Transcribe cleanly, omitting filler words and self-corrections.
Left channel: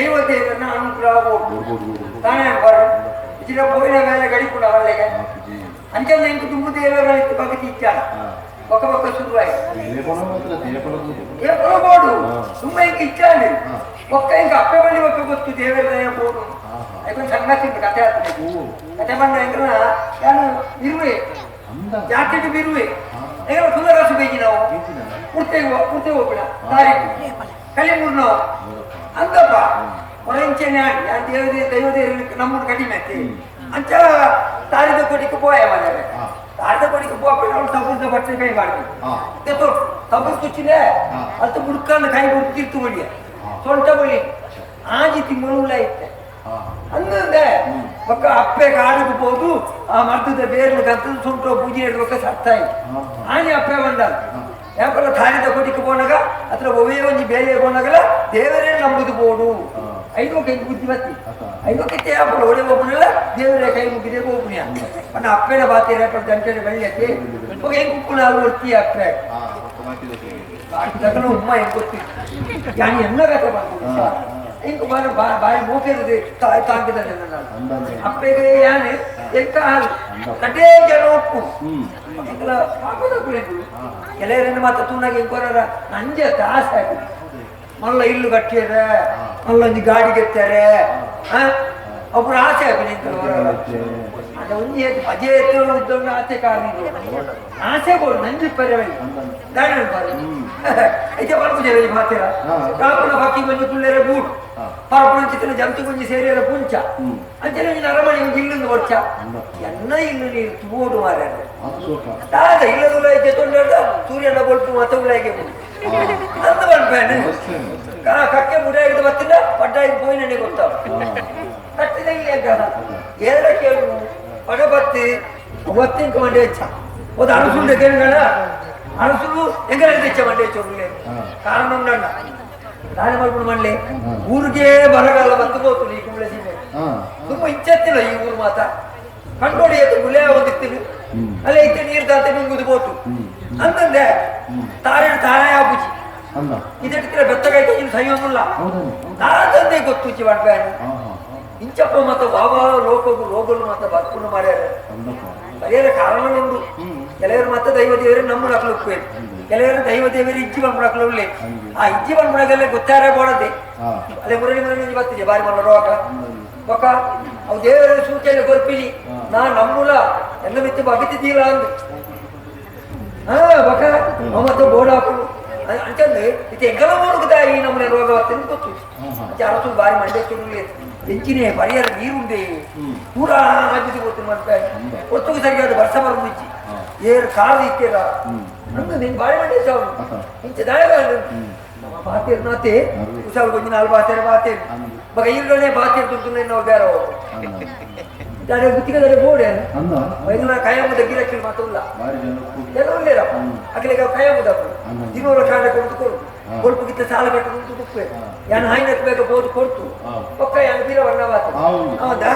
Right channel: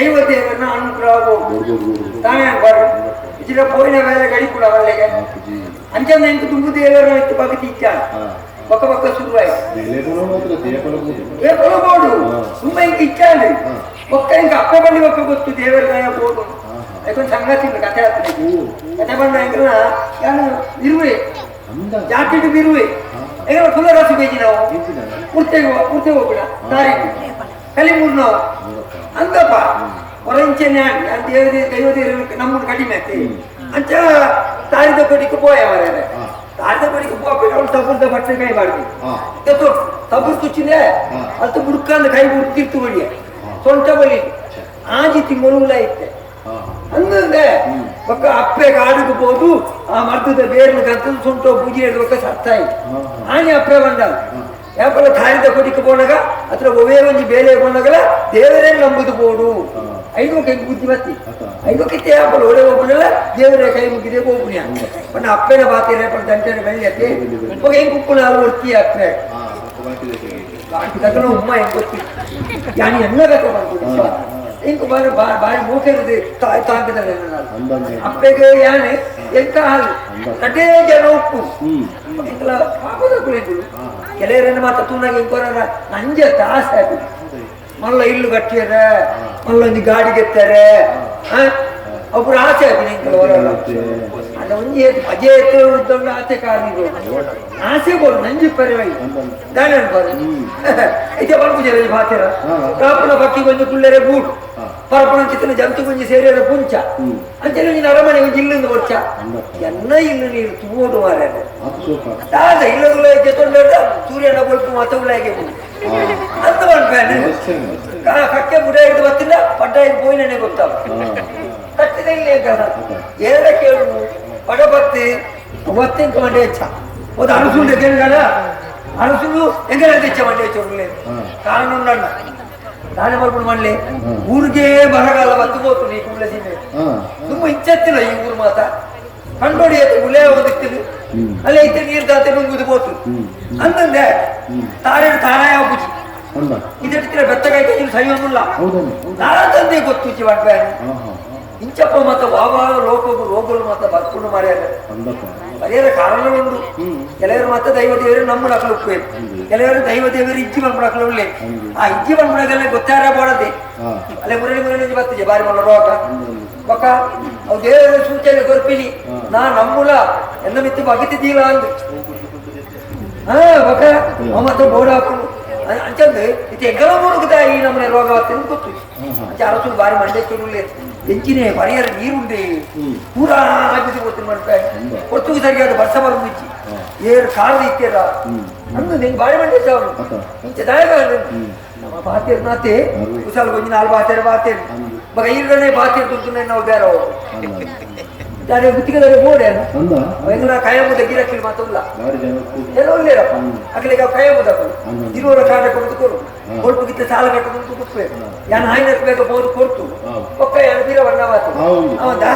ದೈವ ದೇವರನ್ನ ಅನುಗ್ರಹ ತಾನೇ ಬಾರು ಇದ್ರ ಪೋಯಿನ ವೇಳೆ ಗಡಿಪುಡ ಅವರಿಗೆ ಅಂಚಂದ ಇಂಕ ತುಂಬು ದೇವರ ಭಗತಿ ಇಚ್ಛಾಳ ಪಕ್ಕ ಪಕ್ಕ ಶುರುವಾಯಿತು ಬೋಡು ತುಂಬ ಇಂಕ ಇಚ್ಛಾಳೆ ಒಕ್ಕ ಇಂಕ ಅಪ್ಪೆ ಬಲ್ಲಿ ಒಕ್ಕ ಗೊತ್ತು ದೇವರ ದಯ ಬೋಡು ಅದಕ್ಕೊಂದು ಸಂಗತಿ ಕಥೆ ಆಗ್ತದೆ ಕಥೆ ಬಂದ ಹೆಂಗಲ್ಲ ಯಾರು ಇರುವೆ ಜಾಕೆಟ್ ಬಿರುವೆ ಹೆಂಗಲ್ಲ ಫುಲ್ಲ ರಸು ಬೇಜಿ ನಾವು ಪೂರ್ತಿ ಹೋಗೋಣ ತಾರೀಕು ಕಲಿಮೂರು ನಾವು ಅಂದಪ್ಪ ಹೊರಂಚೆನೆ ಆಗಿ ದೈವದೇವರು ನಮ್ಮನ್ನು ಕಡಿಮೆ ಆಗ್ತದೆ ಅಂಚ ತಾರಿದ ಕೊಡಿಗೆ ಪೋಯ ಮಾರ್ಯಾರೆ ತಾರಿದ ಕೊಡಿಗೆ ಪೋಪಿ ಅವಳು ತಬ್ಬುದ ಬಟ್ಟೆ ಕೈ ಮಾಡ್ತೀವಿ ತಬ್ಬು ತುಚ್ಚಿದೆ ಅದು ಮುಡ್ಕಂದು ಕೈ ಮುಡ್ತಿರ್ತು ಒಳ್ಳಿಯ ಸೊಂಟ ಬಳಿ ಆಜಿತಿ ಮೊಳುವುಲ ಇತ್ತೆ ಅಂದಂದೆ ಒಕ್ಕ ಅಪ್ಪೆ ಕಾಡಿಗೆ ಹೋದು ಆ ಮರ್ದದ ಬೇರ್ನ ಗಂತದ ಸೊಂಟ ಬೂಜಿ ಹಿಡಿದ ಸತ್ತಾಯಿ ಆನೆ ಅಪ್ಪೆ ಬಂದಲ್ಲ ಯಾಕಂದ್ರೆ ತಾರಿದ ಕೊಡಿಗೆ ಬೋನಾಗ ಅತ್ರ ಒವೇ ಒಂಜಿ ಬೇಲೆ ಬೋನಾಗಲ ದೇವರೇ ನಂಬುದು ಬೋಡು ಐದು ಕೈ ಬುದ್ಧಿ ಬತ್ತಿ ಐದು ಕಿತ್ತೆ ಯಾಪಲ್ಲ ಒಡೆ ಹೋಗ್ಬಿಡಲ್ಲ ದೇವರೇ ಕೈ ಮುಗಿದೇ ಹೋಗ್ಬಿಣ ಬಣ್ಣ ಅಪ್ಪೆನ ಬಾತಿರ ದಂಟನೆ ಬೆಳ್ಳಿಯತ್ತೆ ಹೋಗಿ ಹೆಂಗೆ ಉಪ್ಪುನ ಹಾಲು ಹೊಡ್ತೀಯ ಅಪ್ಪೆ ತಗೊಂಡು ಉಮ್ಮ ಹೆಂಗೆ ಗೊತ್ತಿ ಯಾನಿ ಎನ್ನ ಕತೆ ಮಾಡ್ಕೊಂಡು ಹಿಂಗೆ ಬಾಯಿ ಮೂಕಿರದೆ ತಾಂಕಿದ್ದಾರೆ ಅಪ್ಪೆಗೆ ಯಾನೆ ಎಂತ ಹಾಲು ಕಟೇ ಜನ ಉಪ್ಪು ಹಿಂಗೆಲ್ಲ ಹಾಕೋದ ಕುಳಿಗಳು ಕೆಲವರನ್ನು ಮಾತ್ರ ತುನ್ನಾಗ ಹೆಂಗೆ ಬರೋರ ನಂಜೆ ತಾಸೆ ಆಯ್ತು ಮಲ್ಲ ಇಲ್ಲು ಕಟ್ಟಿಯರ ಮಲ್ಲೊಂದು ಗಾಡಿ ಗೆತ್ತಾರೆ ಒಬ್ರು ಆಸೆ ಆಯ್ತು ಕೆಲವರೆಲ್ಲ ಅದು ಒಂಜಿ ಅಜೆ ಎತ್ತು ಉದ್ದೊಂಡು ಆಸೆ ಕಾರಣಿಗಳು ಆಸೆ ಬೋಡು ನಂಜಿ ಪರ್ಯಾಯ ದಾಣ ಬರು ಐತೆ ಬರ್ಬುಜಿ ಭಾತಿರ ಕಾಪುನ ಬಕ್ಕಿ ಕೊಂಚ ಕುಳ್ಳರೆ ಬೂಟು ಪರಪುನ ಚಿತ್ರ ಜಂತು ಕೊಂಚ ಸೇರಿಯರ ಪುಂಚ ಅಂಚೆ ಅರಮನೆ ಒಂಜಿ ಇಲ್ಲೊಂದು ವರ್ಷ ಎನ್ನ ಇಲ್ಲು ನೀರು ತುಂಬೋಡು ಮಾರ್ಯಾರೆ ತಾದ ಇಲ್ಲದುಲ ಐತೆ ತೊಂಡ ಸೂರ್ಯನ ಬಲ್ಪು ಮತ್ತೆ ಉಲಾಯಿಗೆ ಬೋದು ಅಂತ ಮಾಡ್ಬೇಡ ಕಕ್ಕೆ ಬುಡ ಹಿಡಿದು ಬರ್ತಿಲ್ಲ ಪಡ್ಡ ಇದು ಪೋಯಿ ನನಗೆ ಗೊತ್ತಾಗ ಕಟ್ಟಿದ ಇಲ್ಲೇ ಎಲ್ಲ ಕೇಳು ಪಡ ಬತ್ತಿ ಒತ್ತಿಂಕ ಮಂಡೆ ಹೆಚ್ಚ ಒಂದು ಅಣಸುಂಡೆ ಕೇಳಿಗಳ ಅಣಸುಲು ಎಂಗಲ ಹೆಚ್ಚ ಮಂಡೆ ಹೆಚ್ಚು ಕಾರಣ ನನ್ನ ನಾಳೆ ಮಾಡ್ಕೊಂಡು ಮಾಡ್ಲಿ ಊರಿಗೆ ಬರಗಾಲ ಬತ್ತು ಹೋತು ಈ ಕುಂಬಳೆ ಸೀಮೆ ತುಂಬ ಇಚ್ಚತ್ತಿಲ್ಲ ಈ ಊರು ಮಾತ ಕಂಡೋಡಿ ಆಯ್ತು ಗುಳೆ ಓದಿರ್ತೀವಿ ಅಲ್ಲಿ ಐತೆ ನೀರು ತಾಂತೆ ನುಂಗುದು ಬೋತು ಅಂತಂದೆ ತಾರೇನು ತಾರಾಯ ಬುಜಿ ಇದಕ್ಕೆ ಬೆತ್ತಗಾಯ್ತು ನೀವು ಸಹಿ ಒಂದಿಲ್ಲ ನಾಳೆ ತಂದೆ ಗೊತ್ತು ಮಾಡ್ಬೇಡ ಇಂಚಪ್ಪ ಮತ್ತ ವಾವ ರೋಗಗಳು ಮತ್ತ ಬರ್ಕೊಂಡು ಮಾಡ್ಯಾರ ಬರೆಯದ ಕಾರಣ ಉಂಟು ಕೆಲವರು ಮತ್ತೆ ದೈವ ದೇವರು ನಮ್ಮ ನಕಲು ಕೆಲವರು ದೈವ ದೇವರು ಇಜ್ಜಿ ಬಂದ್ಬಿಡ ನಕಲು ಆ ಇಜ್ಜಿ ಬಂದ್ಬಿಡಗಲ್ಲೇ ಗೊತ್ತಾರ ಬೋಡದೆ ಅಲ್ಲೇ ಮುರಳಿ ಬರ್ತಿದ್ದೆ ಬಾರಿ ಮಲ್ಲ ರೋಗ ಬೊಕ್ಕ ಅವು ದೇವರ ಸೂಚನೆ ಗೊರ್ಪಿನಿ ನಾ ನಮ್ಮುಲ ಎಲ್ಲ ಮಿತ್ತು ಬಗಿತಿದ್ದೀವ ಅಂದು ಬೊಕ್ಕ ಮತ್ತೆ ಬೋಡಾಪು ಅಂಚಂದು ಇದು ಎಂಗಲ ಮುಳುಗುದ ಈ ನಮ್ಮನೆ ರೋಗ ಬರ್ತೇನೆ ಗೊತ್ತು ಅಂಚೆ ಅರಸು ಬಾರಿ ಮಂಡೆ ಚುರುಳೆ ಎಂಚಿನೇ ಪರಿಯರ ನೀರುಂಡೆ ಪೂರಾ ಆಗಿದೆ ಗೊತ್ತು ಮಾಡ್ತಾರೆ ಒತ್ತು ಸರಿಯಾದ ವರ್ಷ ಬಂದಿಚ್ಚಿ ಏರು ಕಾಲದ ಇತ್ತೀರ ಅಂದು ನಿಂಗೆ ಬಾರಿ ಮಂಡೆ ಚಾವು ಇಂಚೆ ದಾಯಗ ನಮ್ಮ ಬಾತೇರು ನಾತೆ ಕುಸಾಲು ಕೊಂಚ ನಾಲ್ ಬಾತೇರು ಬಗ ಈರನೇ ಬಾತೇರು ತುಂತುನೆ ನಾವು ಬೇರೆ ಹೋಗು దాని గుర్తిగా పోడాను నా కాయముద గిరక్కిలు మాత్రం ఎలా లేరప్ప అక్కడ కాయముదప్ప ఇరువుರ ಕಾಂಡ ಕೊಡ್ತು ಕೊಡ್ತು ಗಿತ್ತ ಸಾಲ ಕಟ್ಟುಕೊಂಡು ಕುಪ್ಪೆ ಯಾನ ಹಾಯ್ನಕ್ಕೆ ಬೇಕಾಗ್ಬೋದು ಕೊಡ್ತು ಒಕ್ಕ ಯಾನ ಬೀರ ವರ್ಣ ಮಾತು ಹೌದಾ